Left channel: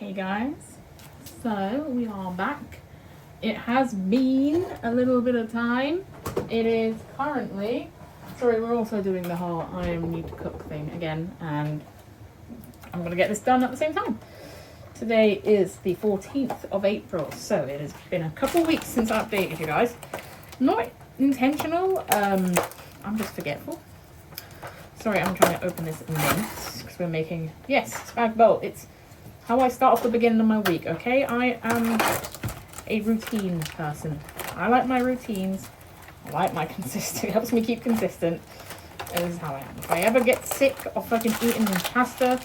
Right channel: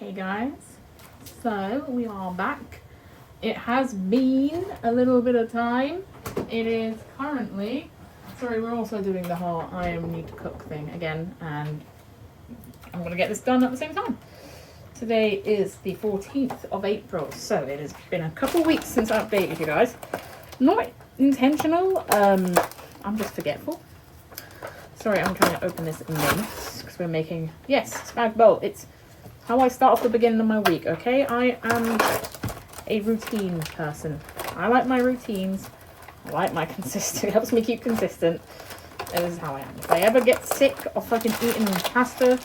Hey guys, so we are back. It has been a little bit of time. It is currently, sorry, we're also doing the whole I need to cook thing again, and I'm gonna get this done at the same time. Today is the 14th of April, so it has been a couple weeks since I updated you guys. Not intentional, I'm just forgetful. Sorry, I'm trying to open this mince because we're making, yes, spag bowl. It's how I start off the beginning of my week, okay? I am a routine person. I like my routines. I like my consistency. It helps me keep consistent. This is how I am. If I ever get sick of fucking eating pasta,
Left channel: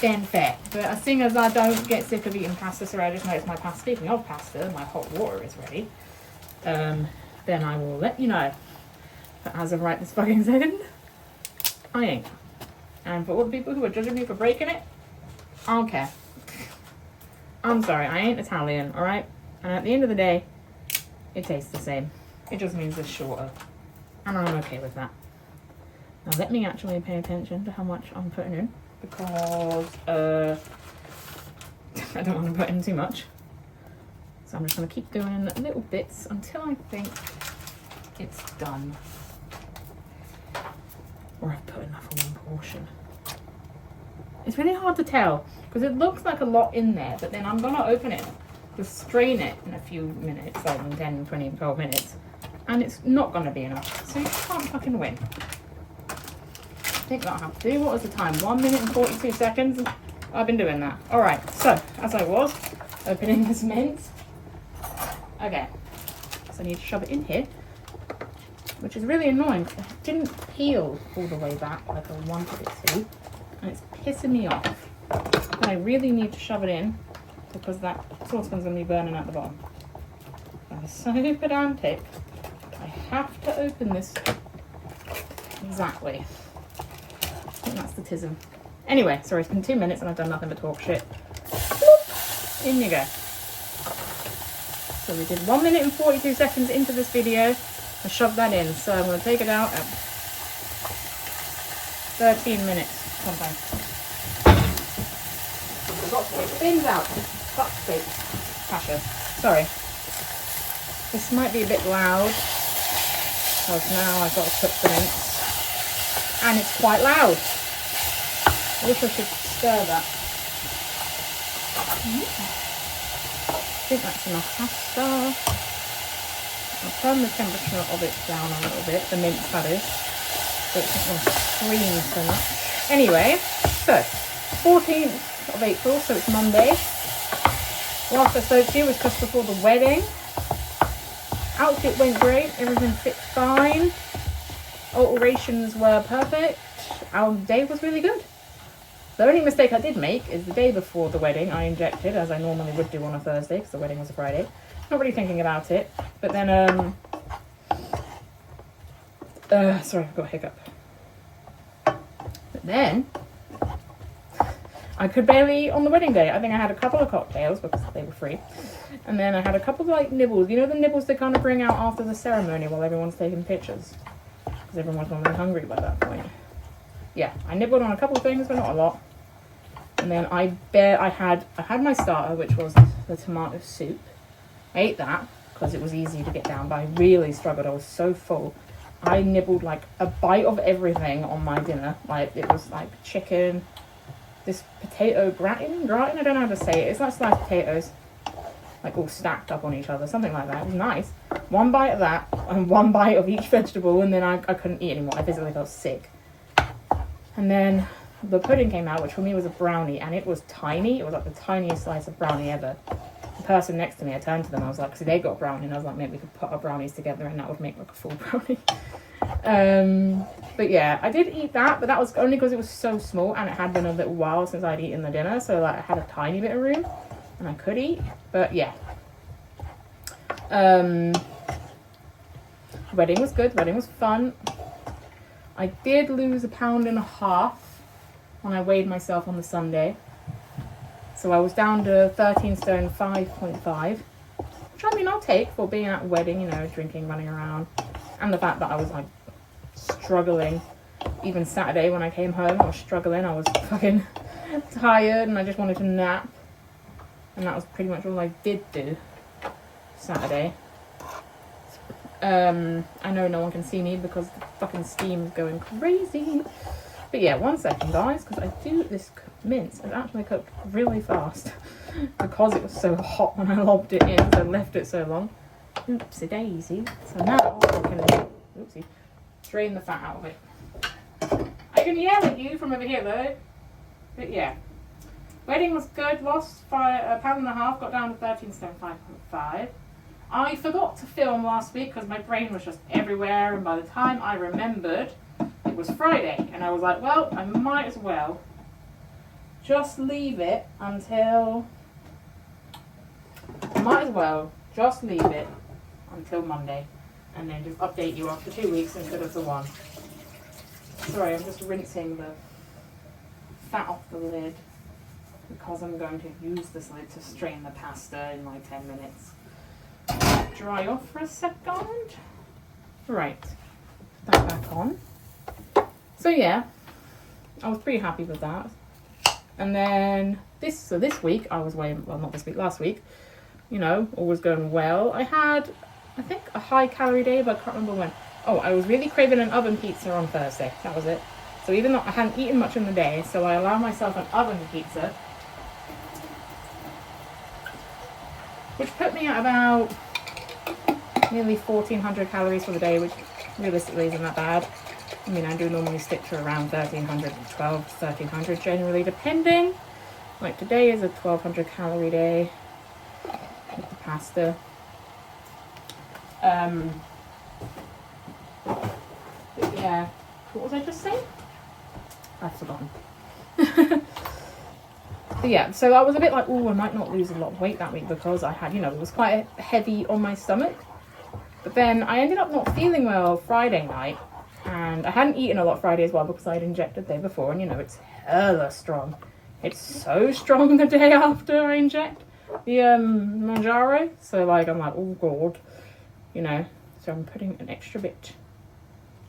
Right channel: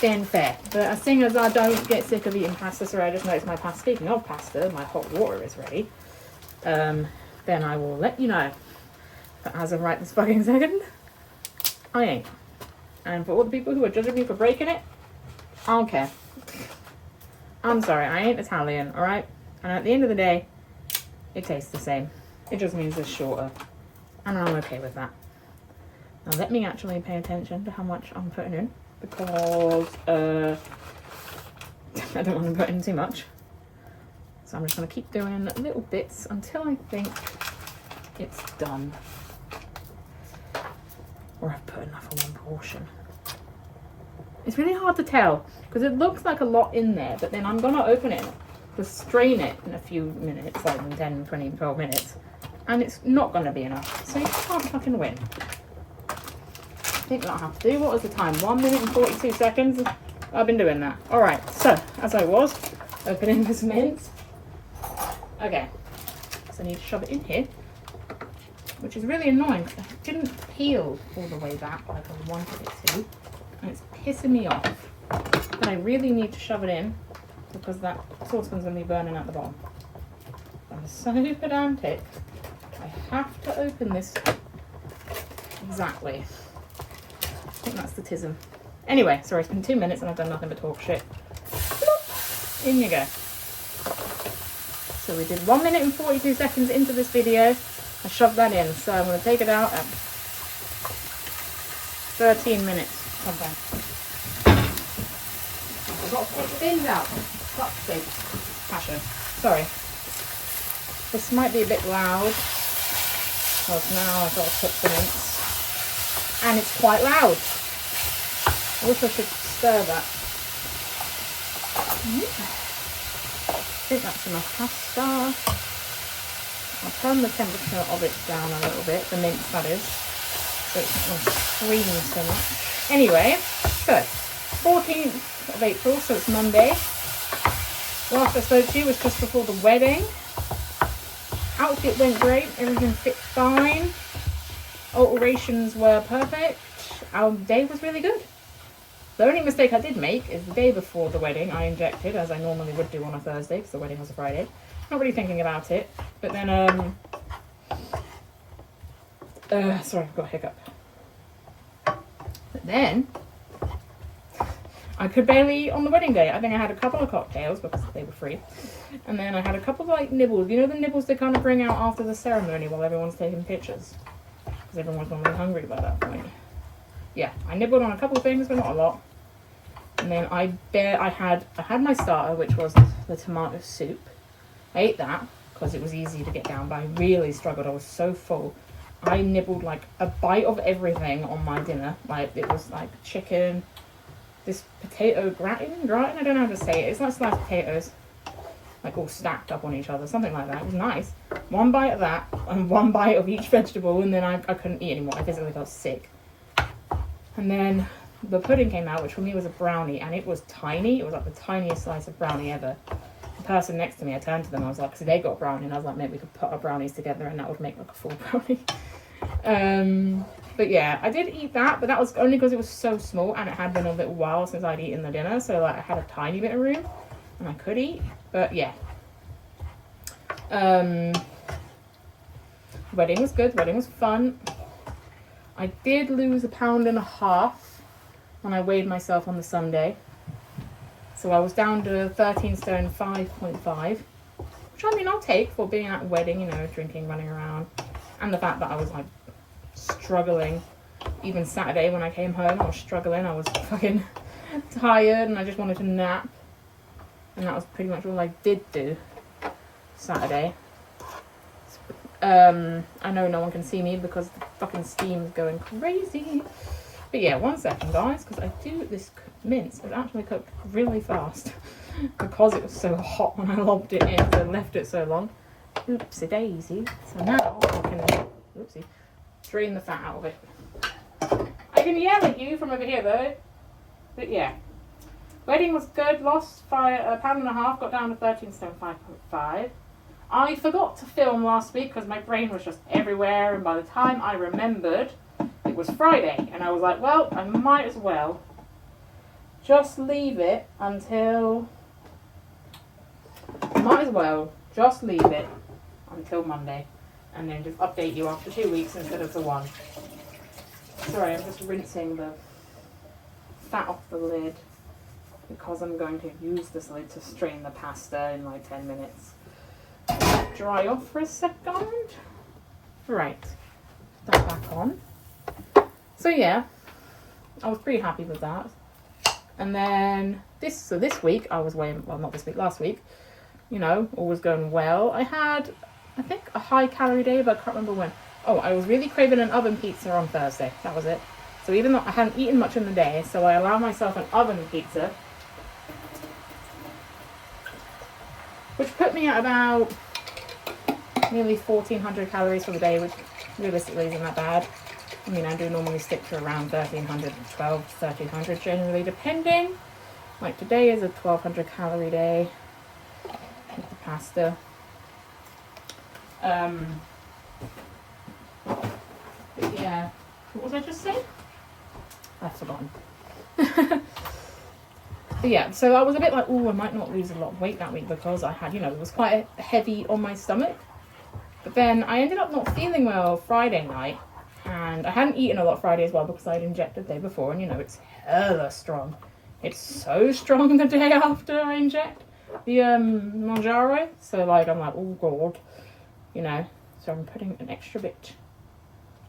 then fair. But as soon as I don't get sick of eating pasta, so I just notice my pasta. Speaking of pasta, my hot water is ready. Then I will let you know. But as of right this fucking second, I ain't. And for all the people who are judging me for breaking it, I don't care. I'm sorry, I ain't Italian, alright? And at the end of the day, it tastes the same. It just means it's shorter. And I'm okay with that. Now let me actually pay attention to how much I'm putting in, because I don't want to put in too much. So I'm just going to keep doing little bits until I think it's done. Or I've put enough for one portion. It's really hard to tell because it looks like a lot in there, but then I'm going to open it to strain it in a few minutes, like in 10, 20, 12 minutes, and it's not going to be enough. So you can't fucking win. I think that'll have to do. What was the time? 1 minute and 42 seconds? I've been doing that. Alright, so as I was opening this mince. Okay, so I need to shove it in here, which is really annoying because it didn't peel all the way back like I wanted it to. And it's pissing me off. But I really need to shove it in because that saucepan's going to be burning at the bottom. I'm so pedantic. I have to open this exactly. I think that's the tism. Anyway, sorry, it's been 2 minutes and I've done nothing but talk shit. Bloop. In you go. So we did 1 minute and 42 seconds into this video. I shoved that in, so I'm going to take it out at 13 minutes sometime. I've got to take the bins out. Fuck's sake. Passion. Sorry. This might be a bit loud, because now I've got to cook the mince. And it's quite loud. I wish I could stir that. I think that's enough pasta. I'll turn the temperature of it down a little bit, the mince that is, so it's not going to scream so much. Anyway, so 14th of April, so it's Monday. Last I spoke to you was just before the wedding. Outfit went great, everything fit fine. Alterations were perfect. Our day was really good. The only mistake I did make is the day before the wedding I injected, as I normally would do on a Thursday, because the wedding was a Friday. Not really thinking about it, but then, sorry, I've got a hiccup. But then, I could barely eat on the wedding day. I think I had a couple of cocktails because they were free. And then I had a couple of, like, nibbles. You know the nibbles they kind of bring out after the ceremony while everyone's taking pictures? Because everyone's normally hungry by that point. Yeah, I nibbled on a couple of things, but not a lot. And then I had my starter, which was the tomato soup. I ate that because it was easy to get down, but I really struggled. I was so full. I nibbled like a bite of everything on my dinner. Like it was like chicken, this potato gratin, I don't know how to say it. It's like sliced potatoes, like all stacked up on each other, something like that. It was nice. One bite of that and one bite of each vegetable, and then I couldn't eat anymore. I physically felt sick. And then the pudding came out, which for me was a brownie, and it was tiny. It was like the tiniest slice of brownie ever. The person next to me, I turned to them, I was like, so they got brownie, and I was like, maybe we could put our brownies together and that would make like a full brownie. But yeah, I did eat that, but that was only because it was so small and it had been a little while since I'd eaten the dinner, so like I had a tiny bit of room and I could eat. But yeah, wedding was good, wedding was fun. I did lose 1.5 pounds when I weighed myself on the Sunday. So I was down to 13 stone 5.5, which I mean I'll take for being at a wedding, you know, drinking, running around. And the fact that I was like struggling. Even Saturday when I came home, I was struggling. I was fucking tired and I just wanted to nap. And that was pretty much all I did do Saturday. I know no one can see me because the fucking steam's going crazy. But yeah, 1 second guys, because this mince is actually cooked really fast. Because it was so hot when I lobbed it in, because I left it so long. Oopsie daisy. So now I can, drain the fat out of it. I can yell at you from over here though. But yeah. Wedding was good, lost a pound and a half, got down to 13 stone 5.5. I forgot to film last week because my brain was just everywhere, and by the time I remembered, it was Friday. And I was like, well, I might as well just leave it until Monday. And then just update you after 2 weeks instead of the 1. Sorry, I'm just rinsing the fat off the lid because I'm going to use this lid to strain the pasta in like 10 minutes. Dry off for a second. Right, put that back on. So yeah, I was pretty happy with that. And then this week I was not this week, last week, you know, all was going well. I had, I think, a high calorie day, but I can't remember when. Oh, I was really craving an oven pizza on Thursday. That was it. So even though I hadn't eaten much in the day, so I allowed myself an oven pizza, which put me at about nearly 1,400 calories for the day, which realistically isn't that bad. I mean, I do normally stick to around 1,300, 1,300 generally, depending. Like today is a 1,200 calorie day with the pasta. Yeah, what was I just saying? I've forgotten. Yeah, so I was a bit like, oh, I might not lose a lot of weight that week because I had, you know, it was quite heavy on my stomach. But then I ended up not feeling well Friday night, and I hadn't eaten a lot Friday as well because I'd injected the day before, and you know, it's hella strong. It's so strong the day after I inject the Mounjaro. So like, I'm like, oh god, you know, so I'm putting an extra bit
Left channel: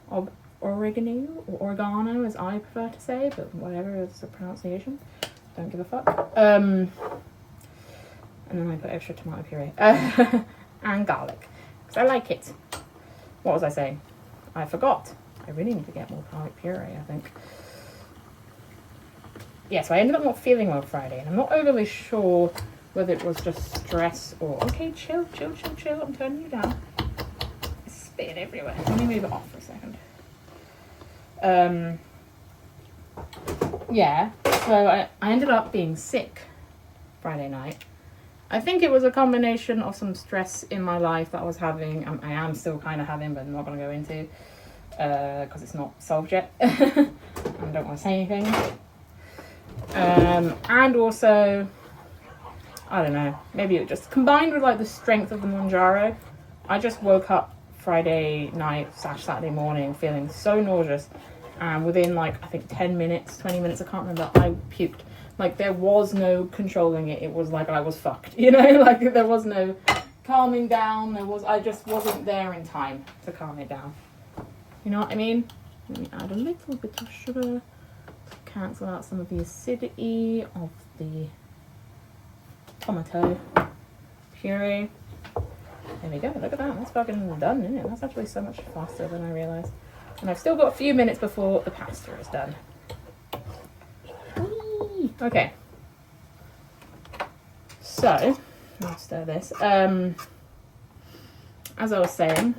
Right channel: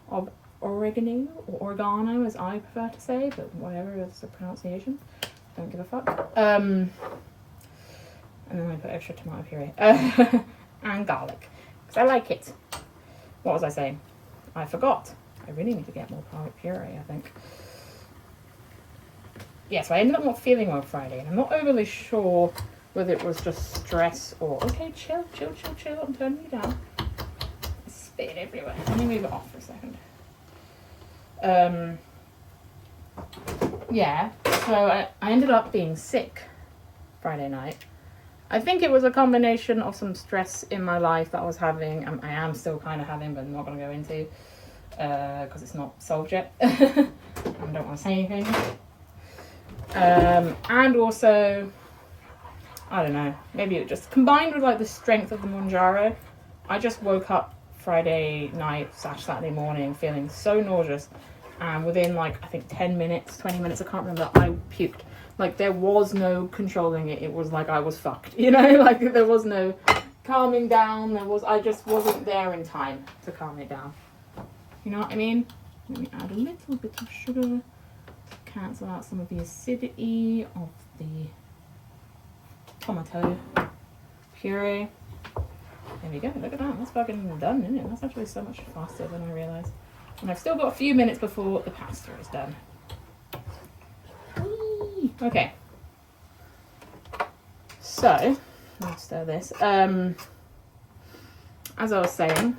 of oregano, or oregano as I prefer to say, but whatever is the pronunciation. Don't give a fuck. And then I put extra tomato puree and garlic because I like it. What was I saying? I forgot. I really need to get more garlic puree, I think. Yeah, so I ended up not feeling well Friday, and I'm not overly sure whether it was just stress or... Okay, chill. I'm turning you down. It's spitting everywhere. Let me move it off for a second. Yeah, so I ended up being sick Friday night. I think it was a combination of some stress in my life that I was having. I am still kind of having, but I'm not going to go into because it's not solved yet. I don't want to say anything. And also, I don't know, maybe it just combined with like the strength of the Mounjaro. I just woke up Friday night / Saturday morning feeling so nauseous. And within like, I think 10 minutes, 20 minutes, I can't remember, I puked. Like there was no controlling it. It was like I was fucked, you know, like there was no calming down. I just wasn't there in time to calm it down. You know what I mean? Let me add a little bit of sugar to cancel out some of the acidity of the tomato puree. There we go, look at that, that's fucking done, isn't it? That's actually so much faster than I realised. And I've still got a few minutes before the pasta is done. Whee! Okay. So, I'll stir this. As I was saying,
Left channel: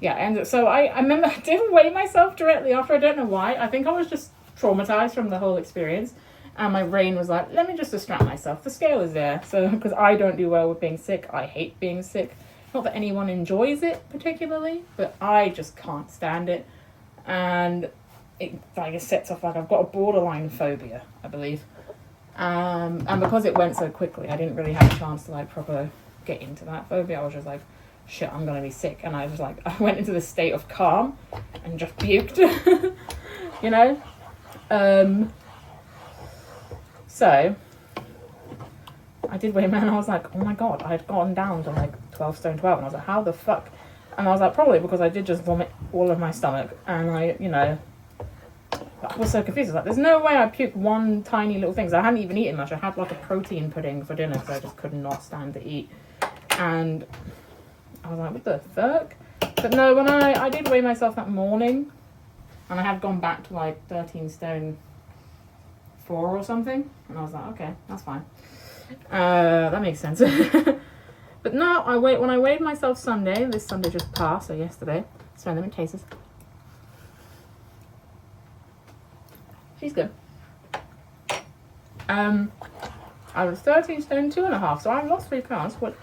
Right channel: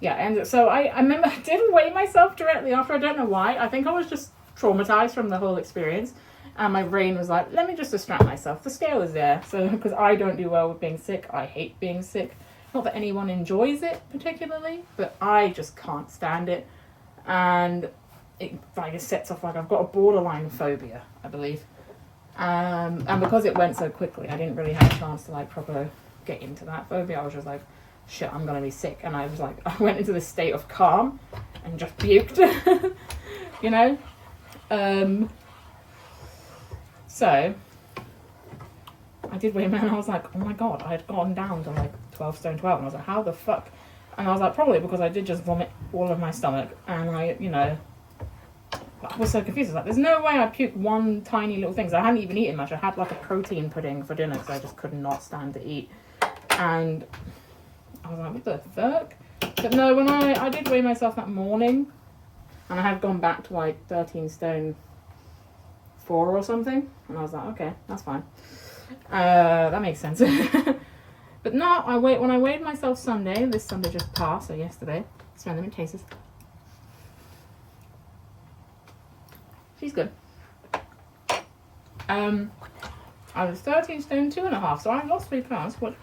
yeah, and so I remember I didn't weigh myself directly after. I don't know why. I think I was just traumatized from the whole experience. And my brain was like, let me just distract myself. The scale is there. So, because I don't do well with being sick. I hate being sick. Not that anyone enjoys it particularly, but I just can't stand it. And it like it sets off like I've got a borderline phobia, I believe. And because it went so quickly, I didn't really have a chance to like proper get into that phobia. I was just like, shit, I'm gonna be sick. And I was like, I went into this state of calm and just puked, you know? So I did weigh man. I was like, oh my god, I had gone down to like 12 stone 12, and I was like, how the fuck? And I was like, probably because I did just vomit all of my stomach, and I, you know, was so confused. I was like, there's no way I puked one tiny little thing. So I hadn't even eaten much. I had like a protein pudding for dinner because I just could not stand to eat. And I was like, what the fuck? But no, when I did weigh myself that morning, and I had gone back to like 13 stone 4 or something, and I was like, okay, that's fine. That makes sense. But no, when I weighed myself Sunday, this Sunday just passed, so yesterday, smell them, it tastes. She's good. I was 13 stone 2.5, so I lost 3 pounds, which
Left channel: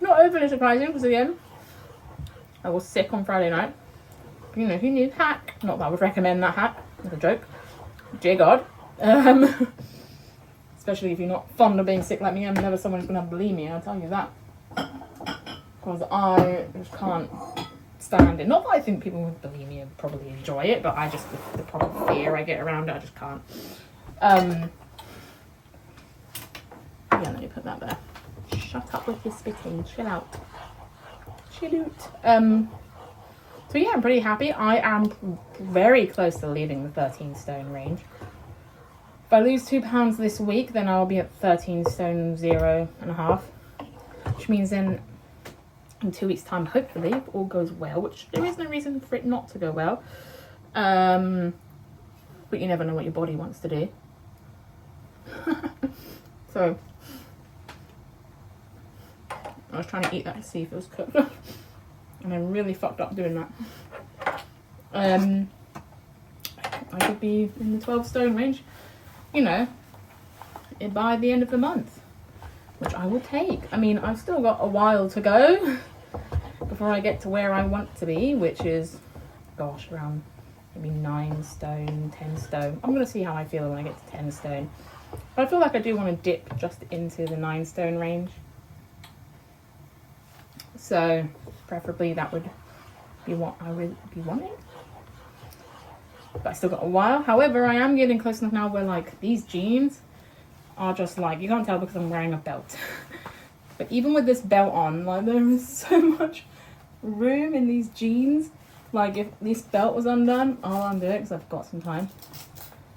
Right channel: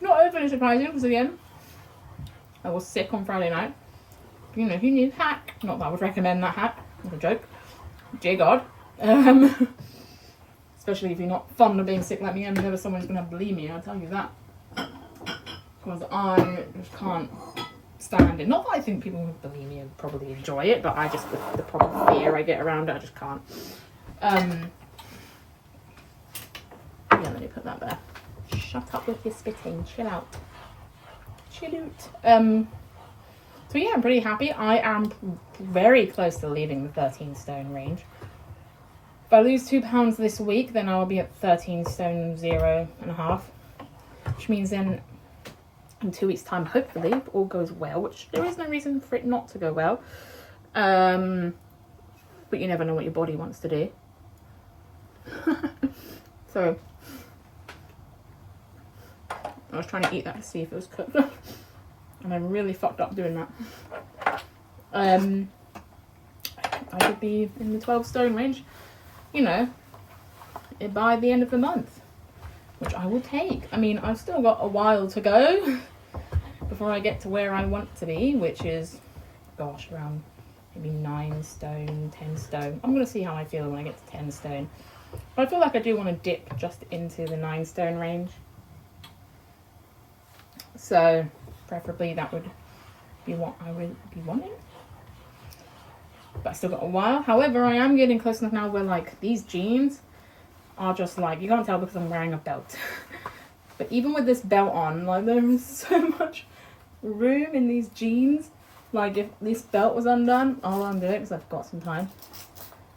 not overly surprising because again, I was sick on Friday night. You know, who needs hack? Not that I would recommend that hack. It's a joke. Dear God. Especially if you're not fond of being sick like me. I'm never someone who's going to have bulimia, I'll tell you that. Because I just can't stand it. Not that I think people with bulimia probably enjoy it, but I just, the proper fear I get around it, I just can't. Yeah, let me put that there. Shut up with your spitting. Chill out. Chill out. So yeah, I'm pretty happy. I am very close to leaving the 13 stone range. If I lose 2 pounds this week, then I'll be at 13 stone 0.5. Which means then in 2 weeks' time, hopefully, if all goes well, which there is no reason for it not to go well. But you never know what your body wants to do. So I was trying to eat that to see if it was cooked. And I really fucked up doing that. I could be in the 12 stone range, you know, by the end of the month, which I will take. I mean, I've still got a while to go before I get to where I want to be, which is, gosh, around maybe 9 stone, 10 stone. I'm going to see how I feel when I get to 10 stone. But I feel like I do want to dip just into the 9 stone range. So preferably that would be what I would be wanting. But I still got a while. However, I am getting close enough now where like these jeans are just like, you can't tell because I'm wearing a belt. But even with this belt on, like there is so much room in these jeans. Like if this belt was undone, I'll undo it because I've got some time.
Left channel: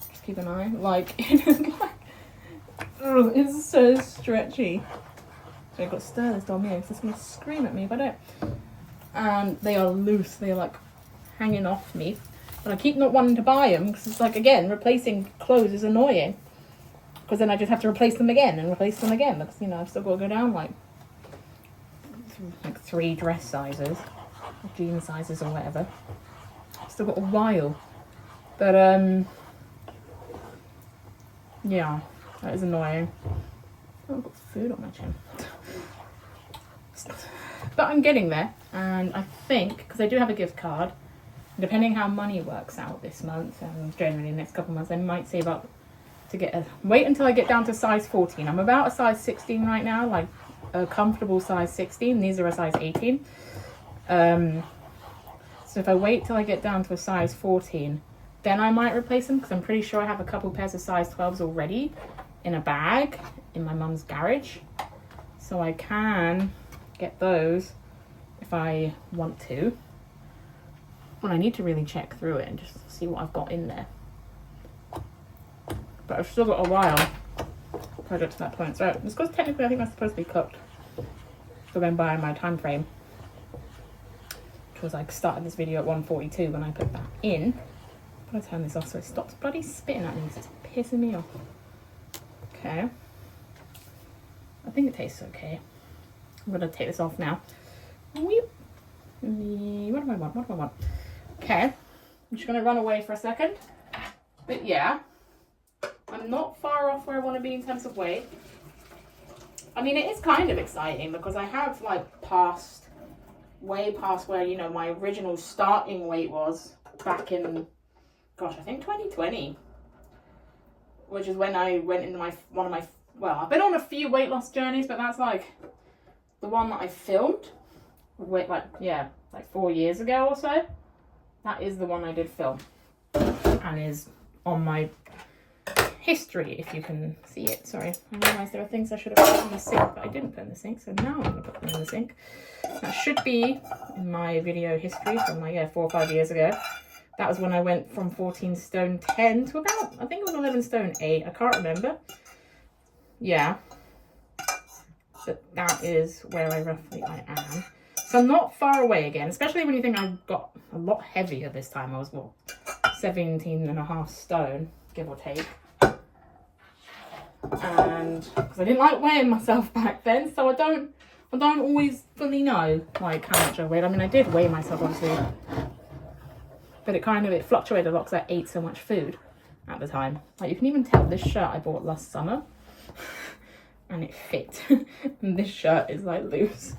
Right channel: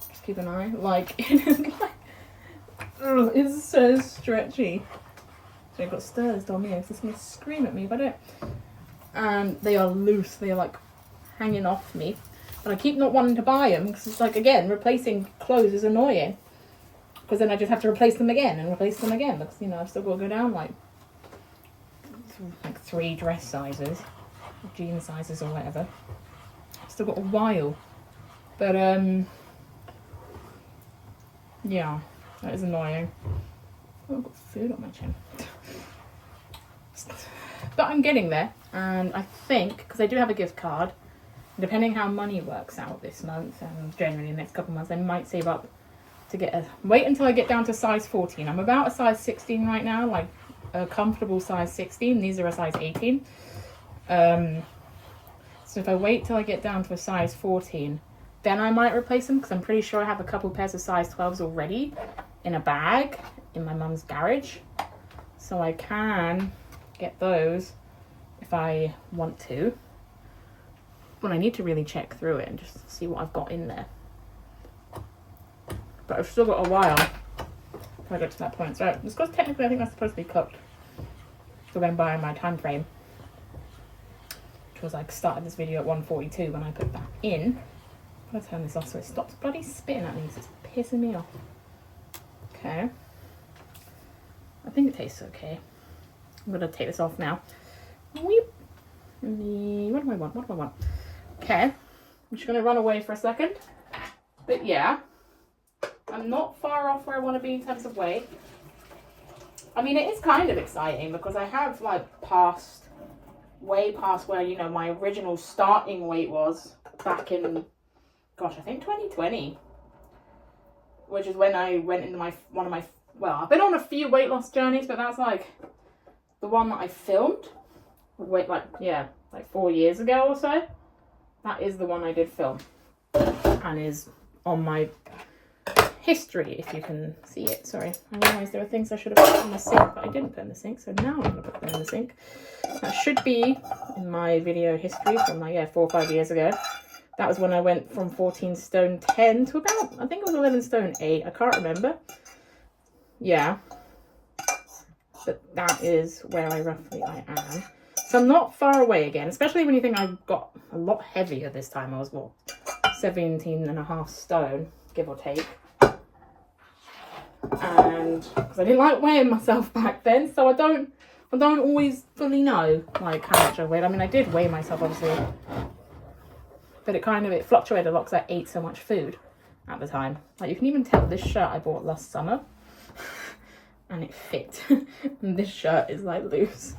Just keep an eye. Like it is like, ugh, it's so stretchy. So I've got stairs down here, so it's going to scream at me if I don't. And they are loose, they are like hanging off me. But I keep not wanting to buy them because it's like, again, replacing clothes is annoying. Because then I just have to replace them again and replace them again. Because, you know, I've still got to go down like 3 dress sizes, jean sizes or whatever. I've still got a while. But, yeah, that is annoying. Oh, I've got food on my chin. But I'm getting there, and I think, because I do have a gift card, depending how money works out this month and generally the next couple of months, I might save up to get wait until I get down to size 14. I'm about a size 16 right now, like a comfortable size 16. These are a size 18. So if I wait till I get down to a size 14, then I might replace them, because I'm pretty sure I have a couple pairs of size 12s already in a bag in my mum's garage. So I can get those if I want to. But I need to really check through it and just see what I've got in there. But I've still got a while before I get to that point. So it's because technically I think that's supposed to be cooked. So then by my time frame, because I started this video at 1:42 when I put that in. I'm gonna turn this off so it stops bloody spitting at me. It's pissing me off. Okay. I think it tastes okay. I'm gonna take this off now. Weep. What do I want? What do I want? Okay. I'm just gonna run away for a second. But yeah, I'm not far off where I want to be in terms of weight. I mean, it is kind of exciting because I have like way past where, you know, my original starting weight was back in, gosh, I think 2020, which is when I went into well, I've been on a few weight loss journeys, but that's like the one that I filmed, like 4 years ago or so. That is the one I did film and is on my history, if you can see it. Sorry, I realised there are things I should have put in the sink, but I didn't put in the sink, so now I'm going to put them in the sink. That should be in my video history from like 4 or 5 years ago. That was when I went from 14 stone 10 to about, I think it was 11 stone 8. I can't remember. Yeah. But that is where I am. So I'm not far away again, especially when you think I got a lot heavier this time. I was, what, 17.5 stone, give or take. And because I didn't like weighing myself back then, so I don't always fully know like how much I weighed. I mean, I did weigh myself obviously, but it fluctuated a lot because I ate so much food at the time. Like you can even tell this shirt I bought last summer and it fit. And this shirt is like loose.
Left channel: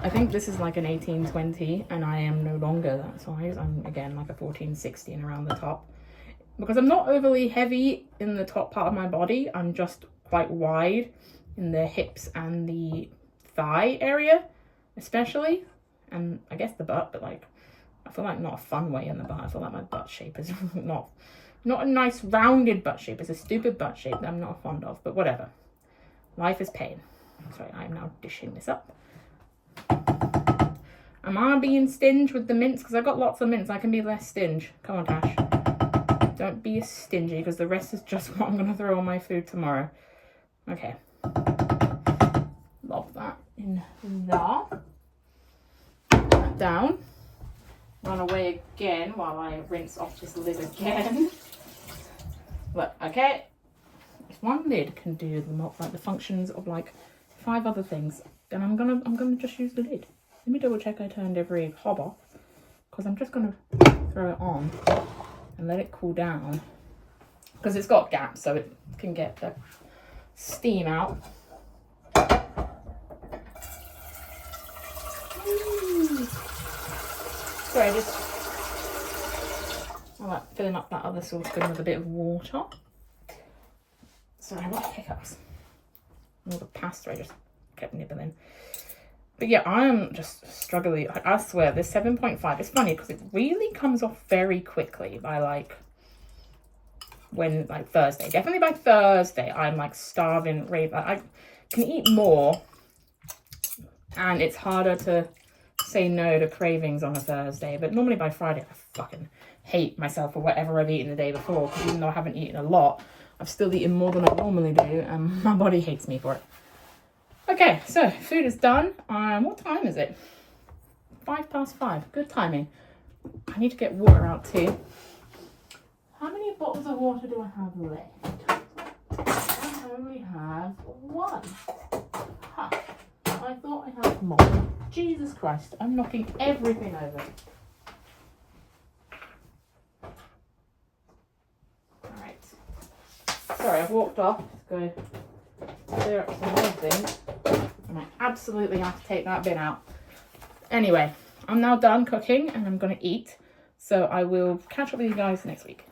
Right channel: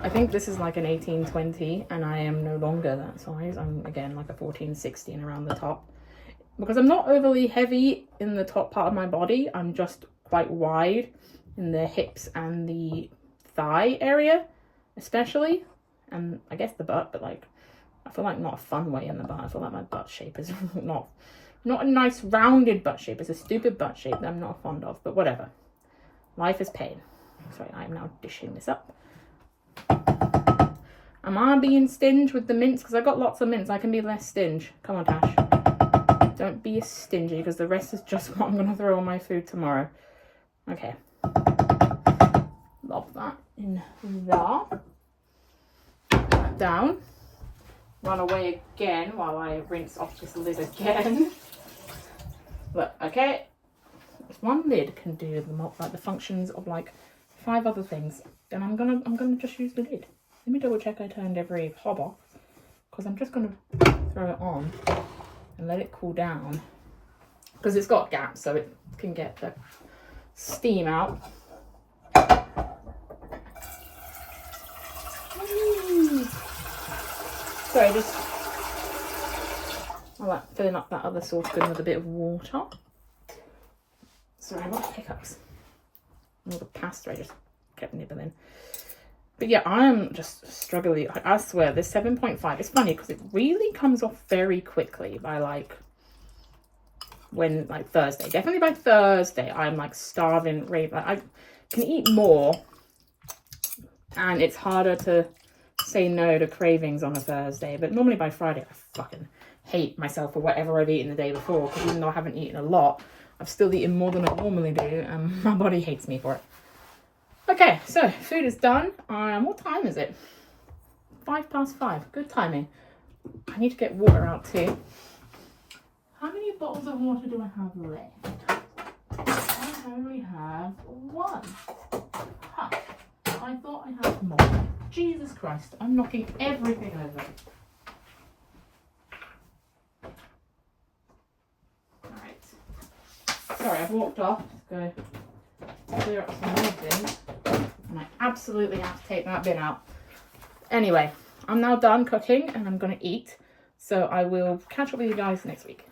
I think this is like an 18-20 and I am no longer that size. I'm again like a 14-16 around the top. Because I'm not overly heavy in the top part of my body, I'm just quite wide in the hips and the thigh area, especially. And I guess the butt, but like, I feel like not a fun way in the butt. I feel like my butt shape is not a nice rounded butt shape. It's a stupid butt shape that I'm not fond of, but whatever. Life is pain. Sorry, I'm now dishing this up. Am I being stingy with the mince? Because I got lots of mince. I can be less stingy. Come on, Tash. Don't be stingy because the rest is just what I'm going to throw on my food tomorrow. Okay. Lob that in there. Put that down. Run away again while I rinse off this lid again. Look, okay. If one lid can do the functions of like 5 other things, then I'm gonna just use the lid. Let me double check I turned every hob off because I'm just gonna throw it on and let it cool down because it's got gaps so it can get the steam out. Sorry, I like filling up that other saucepan with a bit of water. Sorry, I got hiccups. All the pasta I just kept nibbling. But yeah, I am just struggling. I swear, this 7.5, it's funny because it really comes off very quickly by like Thursday. Definitely by Thursday, I'm like starving, I can eat more and it's harder to say no to cravings on a Thursday. But normally by Friday, I fucking hate myself for whatever I've eaten the day before because even though I haven't eaten a lot, I've still eaten more than I normally do and my body hates me for it. Okay, so food is done. What time is it? 5:05. Good timing. I need to get water out too. How many bottles of water do I have left? I only have 1. Ha! I thought I had more. Jesus Christ, I'm knocking everything over. Alright. Sorry, I've walked off. Let's go clear up some more things. And I absolutely have to take that bin out. Anyway, I'm now done cooking and I'm going to eat. So I will catch up with you guys next week.